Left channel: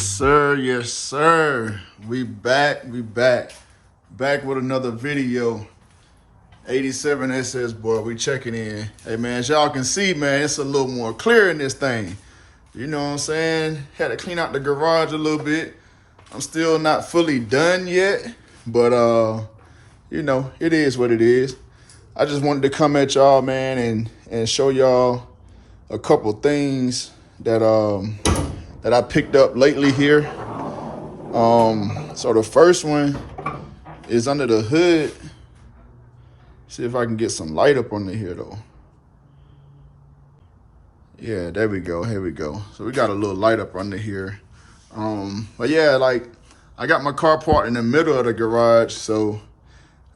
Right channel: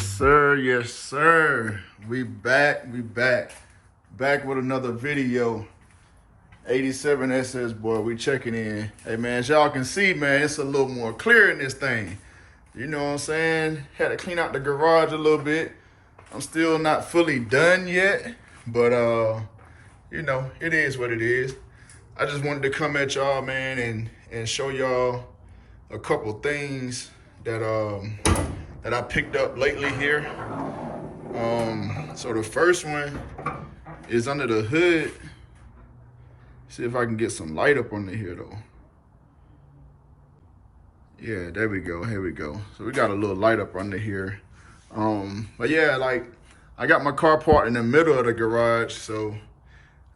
Yes, sir. Yes, sir. We back. Back with another video. 87 SS boy, we checking in. Hey man, as y'all can see, man, it's a little more clear in this thing. You know what I'm saying? Had to clean out the garage a little bit. I'm still not fully done yet, but you know, it is what it is. I just wanted to come at y'all, man, and show y'all a couple things that that I picked up lately here. So the first one is under the hood. See if I can get some light up under here though. Yeah, there we go. Here we go. So we got a little light up under here. But yeah, like I got my car parked in the middle of the garage, so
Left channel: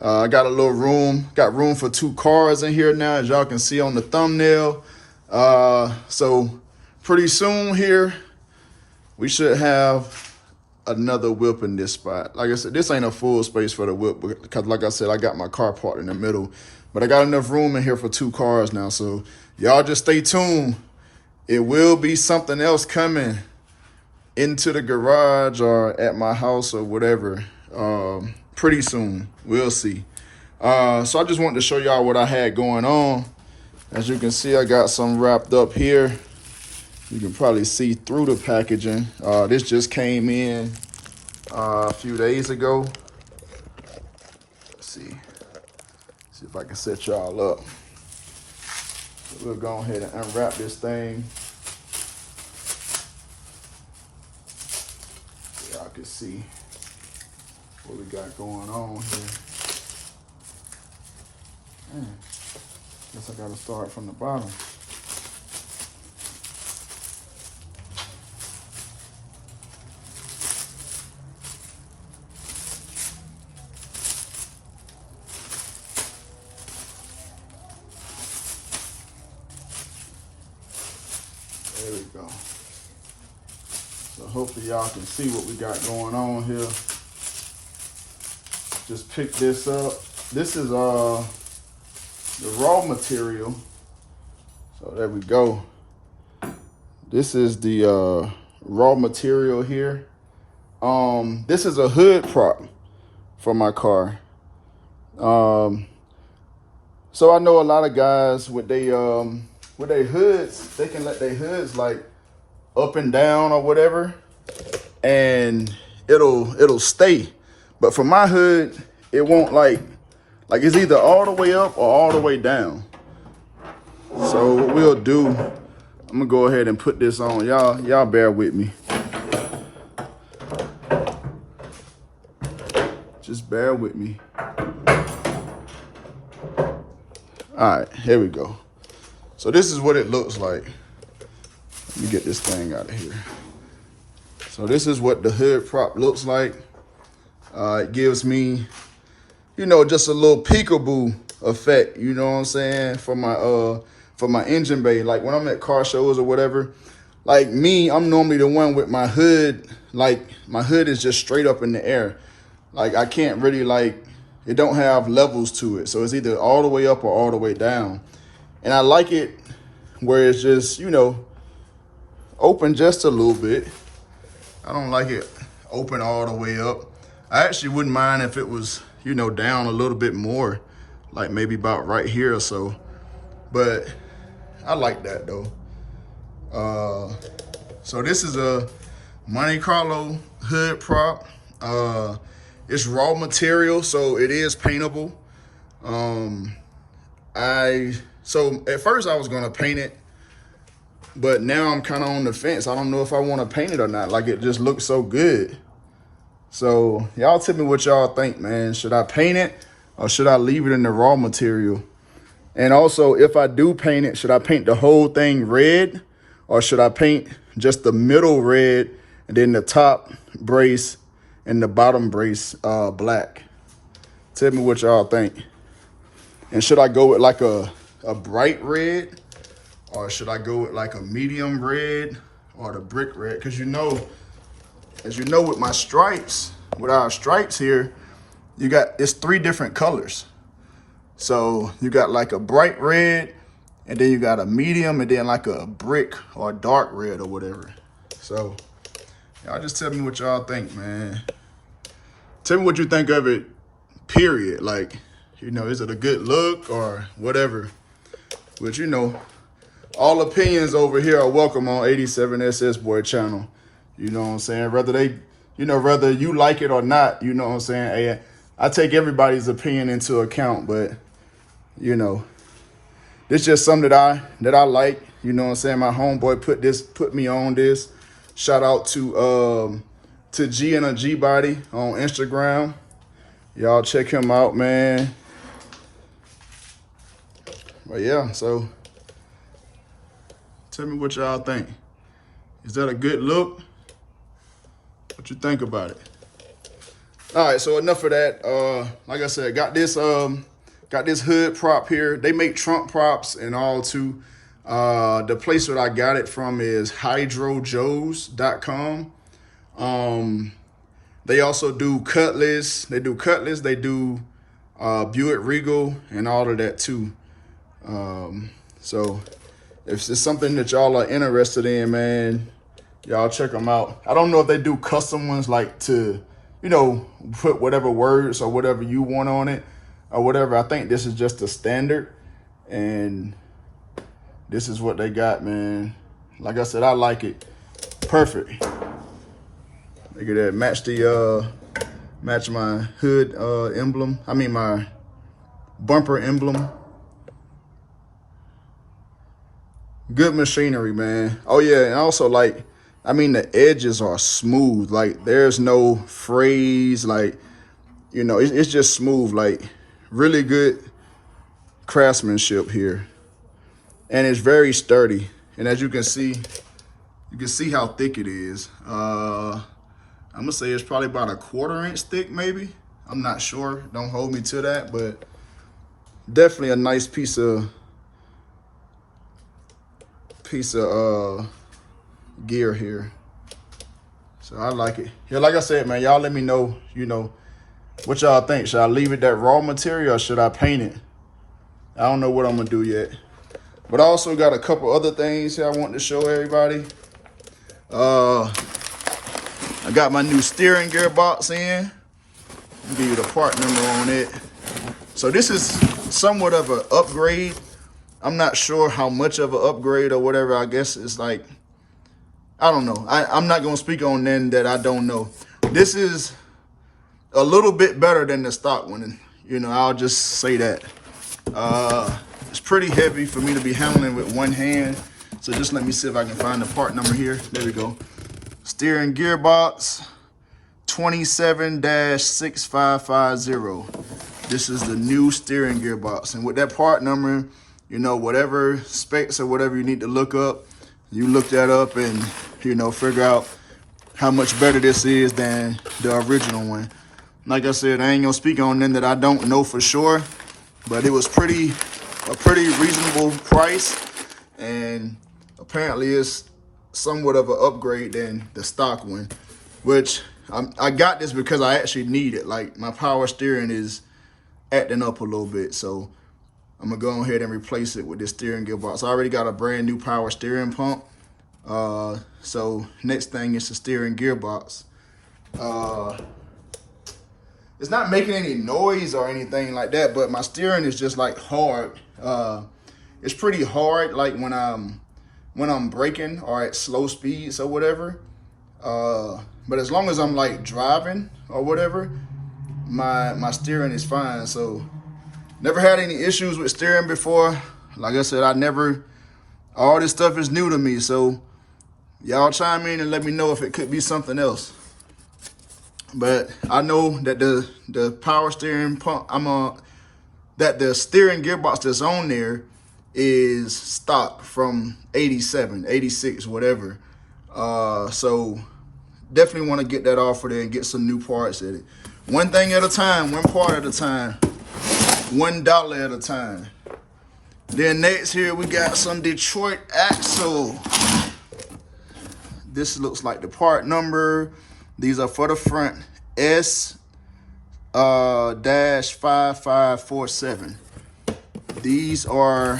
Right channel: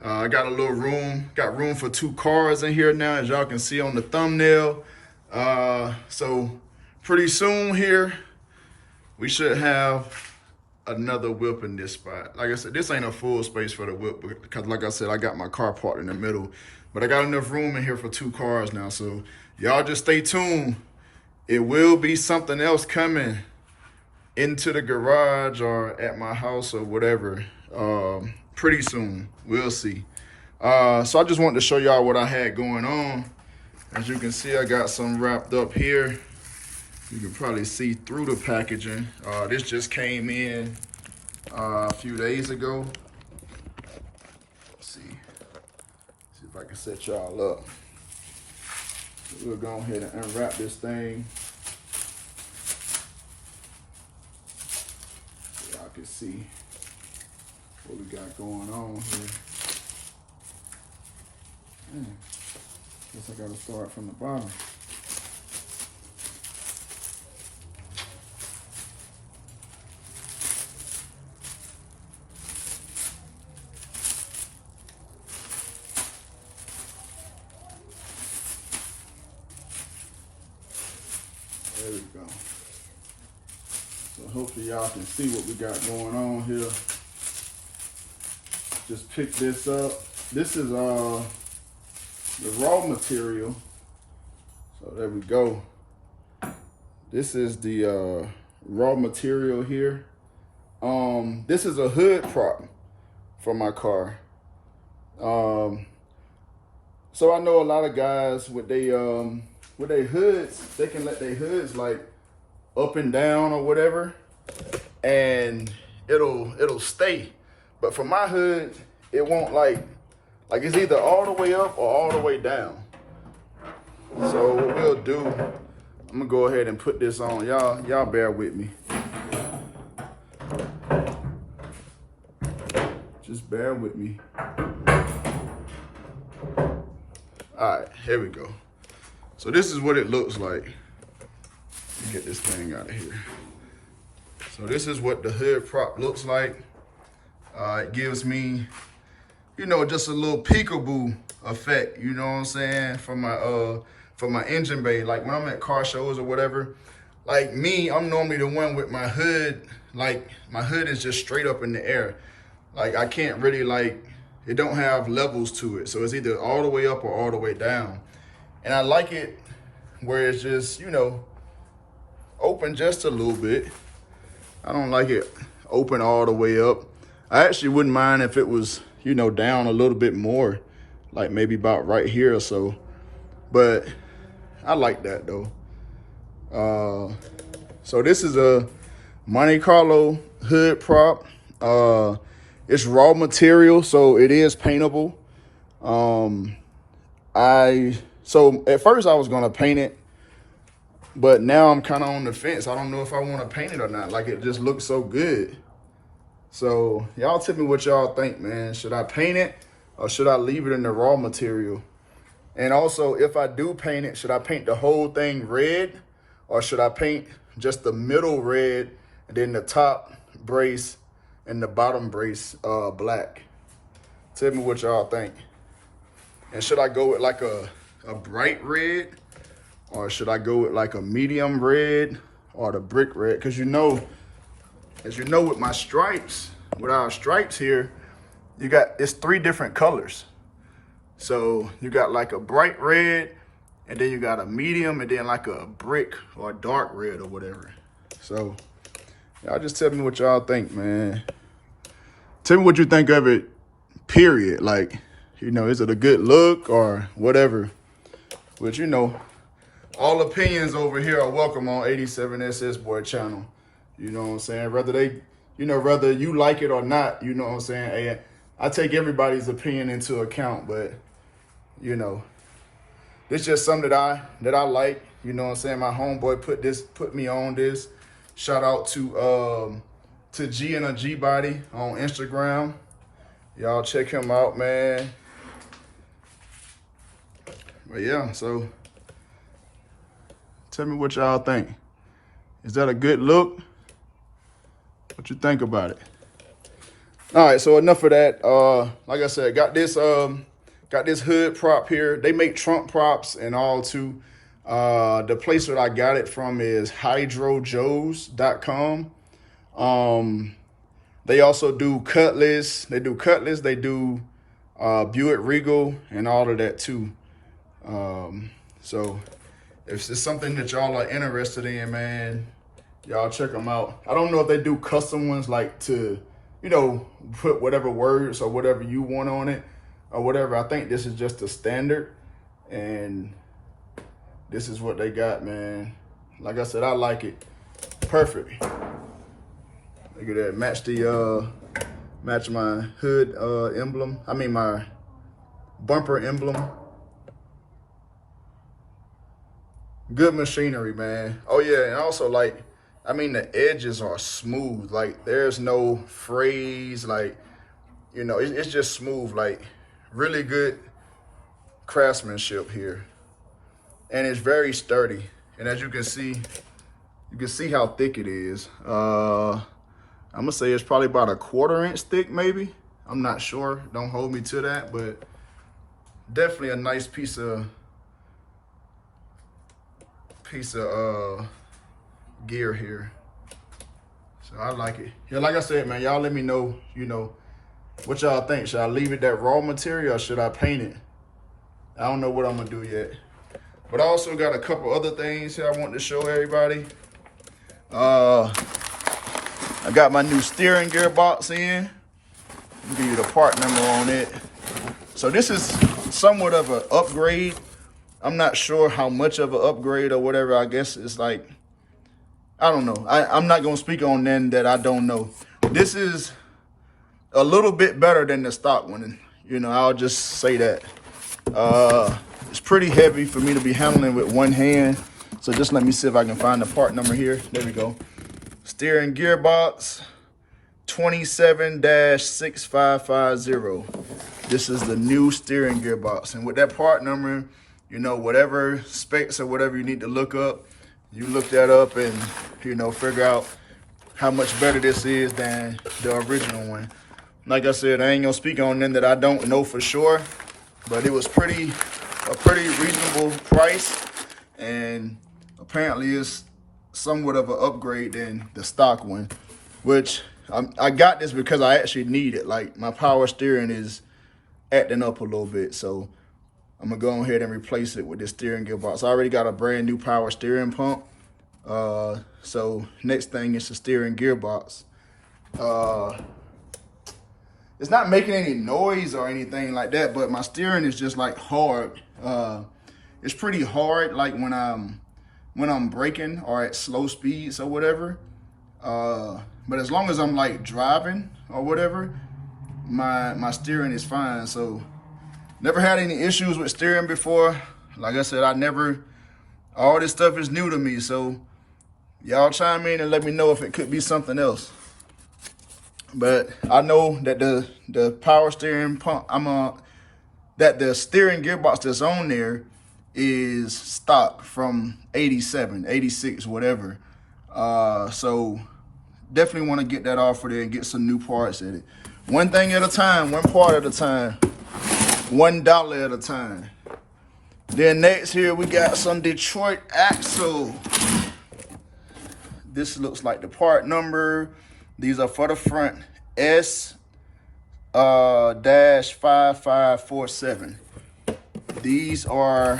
I got a little room. Got room for 2 cars in here now, as y'all can see on the thumbnail. So pretty soon here, we should have another whip in this spot. Like I said, this ain't a full space for the whip because like I said, I got my car parked in the middle, but I got enough room in here for 2 cars now. So y'all just stay tuned. It will be something else coming into the garage or at my house or whatever pretty soon. We'll see. So I just wanted to show y'all what I had going on. As you can see, I got some wrapped up here. You can probably see through the packaging. This just came in a few days ago. Let's see if I can set y'all up. So we'll go ahead and unwrap this thing. So y'all can see what we got going on here. Man, guess I gotta start from the bottom. There we go. So hopefully y'all can see what we got going on here. Just pick this up. This is the raw material. So there we go. This is the raw material here. This is a hood prop for my car. So I know a lot of guys with their hoods, they can let their hoods like up and down or whatever, and it'll stay. But for my hood, it won't like it's either all the way up or all the way down. So what we'll do, I'm gonna go ahead and put this on. Y'all bear with me. Just bear with me. All right, here we go. So this is what it looks like. Let me get this thing out of here. So this is what the hood prop looks like. It gives me, you know, just a little peekaboo effect, you know what I'm saying, for my engine bay. Like when I'm at car shows or whatever, like me, I'm normally the one with my hood, like my hood is just straight up in the air. Like I can't really it don't have levels to it. So it's either all the way up or all the way down. And I like it where it's just, you know, open just a little bit. I don't like it open all the way up. I actually wouldn't mind if it was, you know, down a little bit more, like maybe about right here or so. But I like that though. So this is a Monte Carlo hood prop. It's raw material, so it is paintable. So at first I was gonna paint it, but now I'm kind of on the fence. I don't know if I want to paint it or not. Like it just looks so good. So y'all tell me what y'all think, man. Should I paint it or should I leave it in the raw material? And also, if I do paint it, should I paint the whole thing red or should I paint just the middle red and then the top brace and the bottom brace black? Tell me what y'all think. And should I go with like a bright red or should I go with like a medium red or the brick red? Because you know, as you know, with my stripes, with our stripes here, it's 3 different colors. So you got like a bright red, and then you got a medium, and then like a brick or dark red or whatever. So Y'all just tell me what y'all think, man. Tell me what you think of it, period. Like, you know, is it a good look or whatever? But, you know, all opinions over here are welcome on 87SS Boy channel. You know what I'm saying? Whether you like it or not, you know what I'm saying? Hey, I take everybody's opinion into account, but, you know, it's just something that I like. You know what I'm saying? My homeboy put me on this. Shout out to G and a G Body on Instagram. Y'all check him out, man. But yeah, so tell me what y'all think. Is that a good look? What you think about it? All right, so enough of that. Like I said, got this hood prop here. They make trunk props and all too. The place that I got it from is hydrojoes.com. They also do Cutlass. They do Buick Regal and all of that too. So if it's something that y'all are interested in, man, y'all check them out. I don't know if they do custom ones, like to, you know, put whatever words or whatever you want on it or whatever. I think this is just a standard, and this is what they got, man. Like I said, I like it. Perfect. Look at that. Match my hood emblem. I mean my bumper emblem. Good machinery, man. Oh yeah, and also, like, I mean, the edges are smooth. Like, there's no frays. Like, you know, it's just smooth. Like, really good craftsmanship here. And it's very sturdy. And as you can see how thick it is. I'm gonna say it's probably about a 1/4 inch thick, maybe. I'm not sure. Don't hold me to that, but definitely a nice piece of gear here. So I like it. Yeah, like I said, man, y'all let me know, you know, what y'all think. Should I leave it that raw material or should I paint it? I don't know what I'm gonna do yet. But I also got a couple other things here I want to show everybody. I got my new steering gearbox in. I'll give you the part number on it. So this is somewhat of an upgrade. I'm not sure how much of an upgrade or whatever. I guess it's like, I don't know. I'm not going to speak on then that I don't know. This is a little bit better than the stock one. You know, I'll just say that. It's pretty heavy for me to be handling with one hand. So just let me see if I can find the part number here. There we go. Steering gearbox 27-6550. This is the new steering gearbox. And with that part number, you know, whatever specs or whatever you need to look up, you look that up and, you know, figure out how much better this is than the original one. Like I said, I ain't gonna speak on them that I don't know for sure, but it was a pretty reasonable price, and apparently it's somewhat of an upgrade than the stock one, which I got this because I actually need it. Like, my power steering is acting up a little bit, so I'm gonna go ahead and replace it with this steering gearbox. I already got a brand new power steering pump. So next thing is the steering gearbox. It's not making any noise or anything like that, but my steering is just like hard. It's pretty hard, like when I'm braking or at slow speeds or whatever. But as long as I'm like driving or whatever, my steering is fine. So never had any issues with steering before. Like I said, all this stuff is new to me. So y'all chime in and let me know if it could be something else. But I know that the power steering pump, that the steering gearbox that's on there is stock from 87, 86, whatever. So definitely want to get that off of there and get some new parts at it. One thing at a time, one part at a time. $1 at a time. Then next here we got some Detroit axle. This looks like the part number. These are for the front. S-5547. These are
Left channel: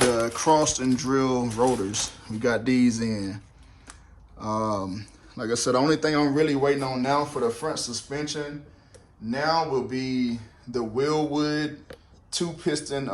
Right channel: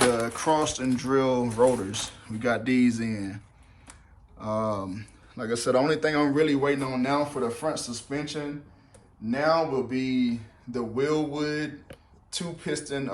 the crossed and drill rotors. We got these in. Like I said, the only thing I'm really waiting on now for the front suspension now will be the Willwood 2-piston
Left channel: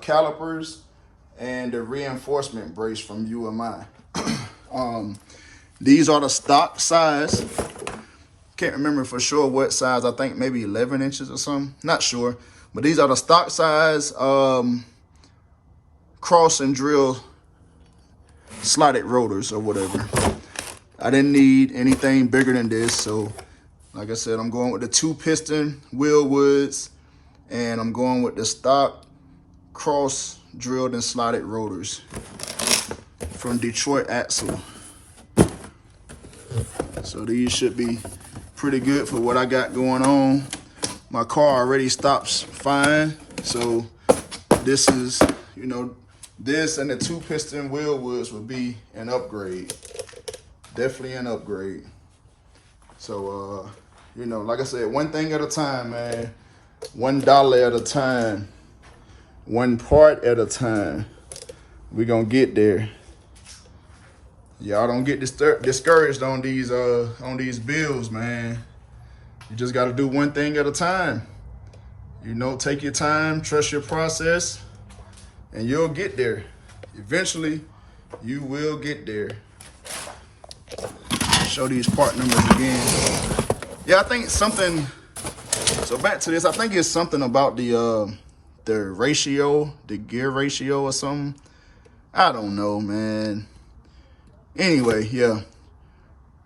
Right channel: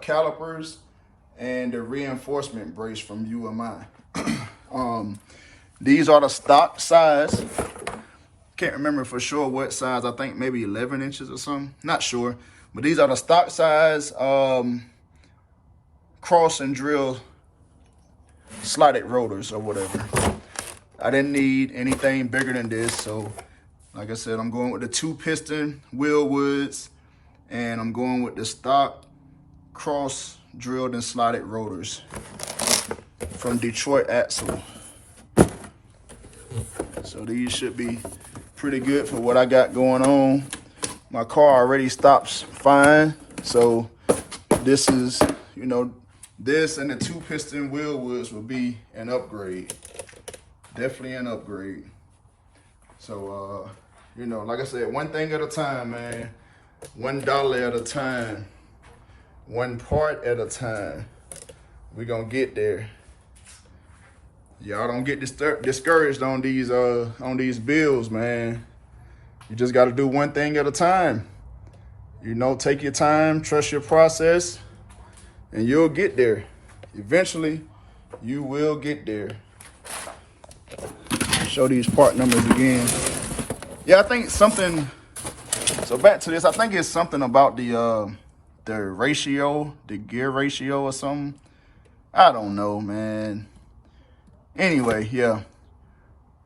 calipers and the reinforcement brace from UMI. These are the stock size. Can't remember for sure what size. I think maybe 11 inches or something. Not sure. But these are the stock size cross and drill slotted rotors or whatever. I didn't need anything bigger than this. So, like I said, I'm going with the 2-piston Willwoods. And I'm going with the stock cross drilled and slotted rotors from Detroit Axle. So these should be pretty good for what I got going on. My car already stops fine. So this is, you know, this and the 2-piston Willwoods will be an upgrade. Definitely an upgrade. So, you know, like I said, one thing at a time, man. $1 at a time. One part at a time. We gonna get there. Y'all don't get discouraged on these bills, man. You just gotta do one thing at a time. You know, take your time, trust your process, and you'll get there. Eventually, you will get there. Show these part numbers again. Yeah, I think something, so back to this, I think it's something about the ratio, the gear ratio or something. I don't know, man. Anyway, yeah.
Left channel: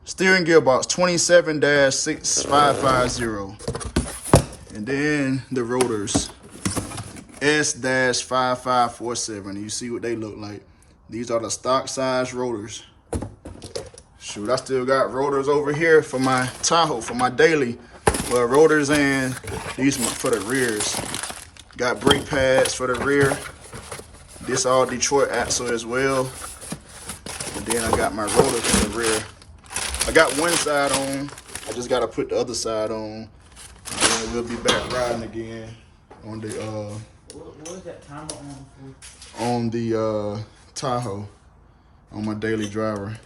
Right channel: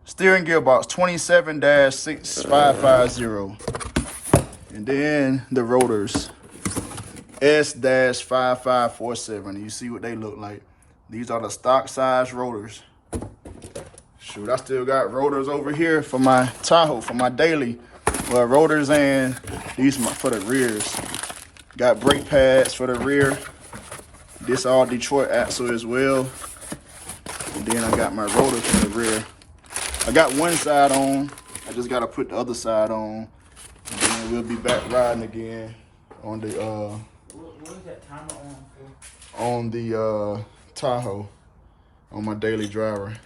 Steering gearbox 27-6550. And then the rotors S-5547. You see what they look like. These are the stock size rotors. Shoot, I still got rotors over here for my Tahoe, for my daily. Well, rotors and these for the rears. Got brake pads for the rear. This all Detroit axle as well. And then I got my rotor for the rear. I got one side on. I just gotta put the other side on. And then we'll be back riding again on the what is that timer on for? On the Tahoe, on my daily driver.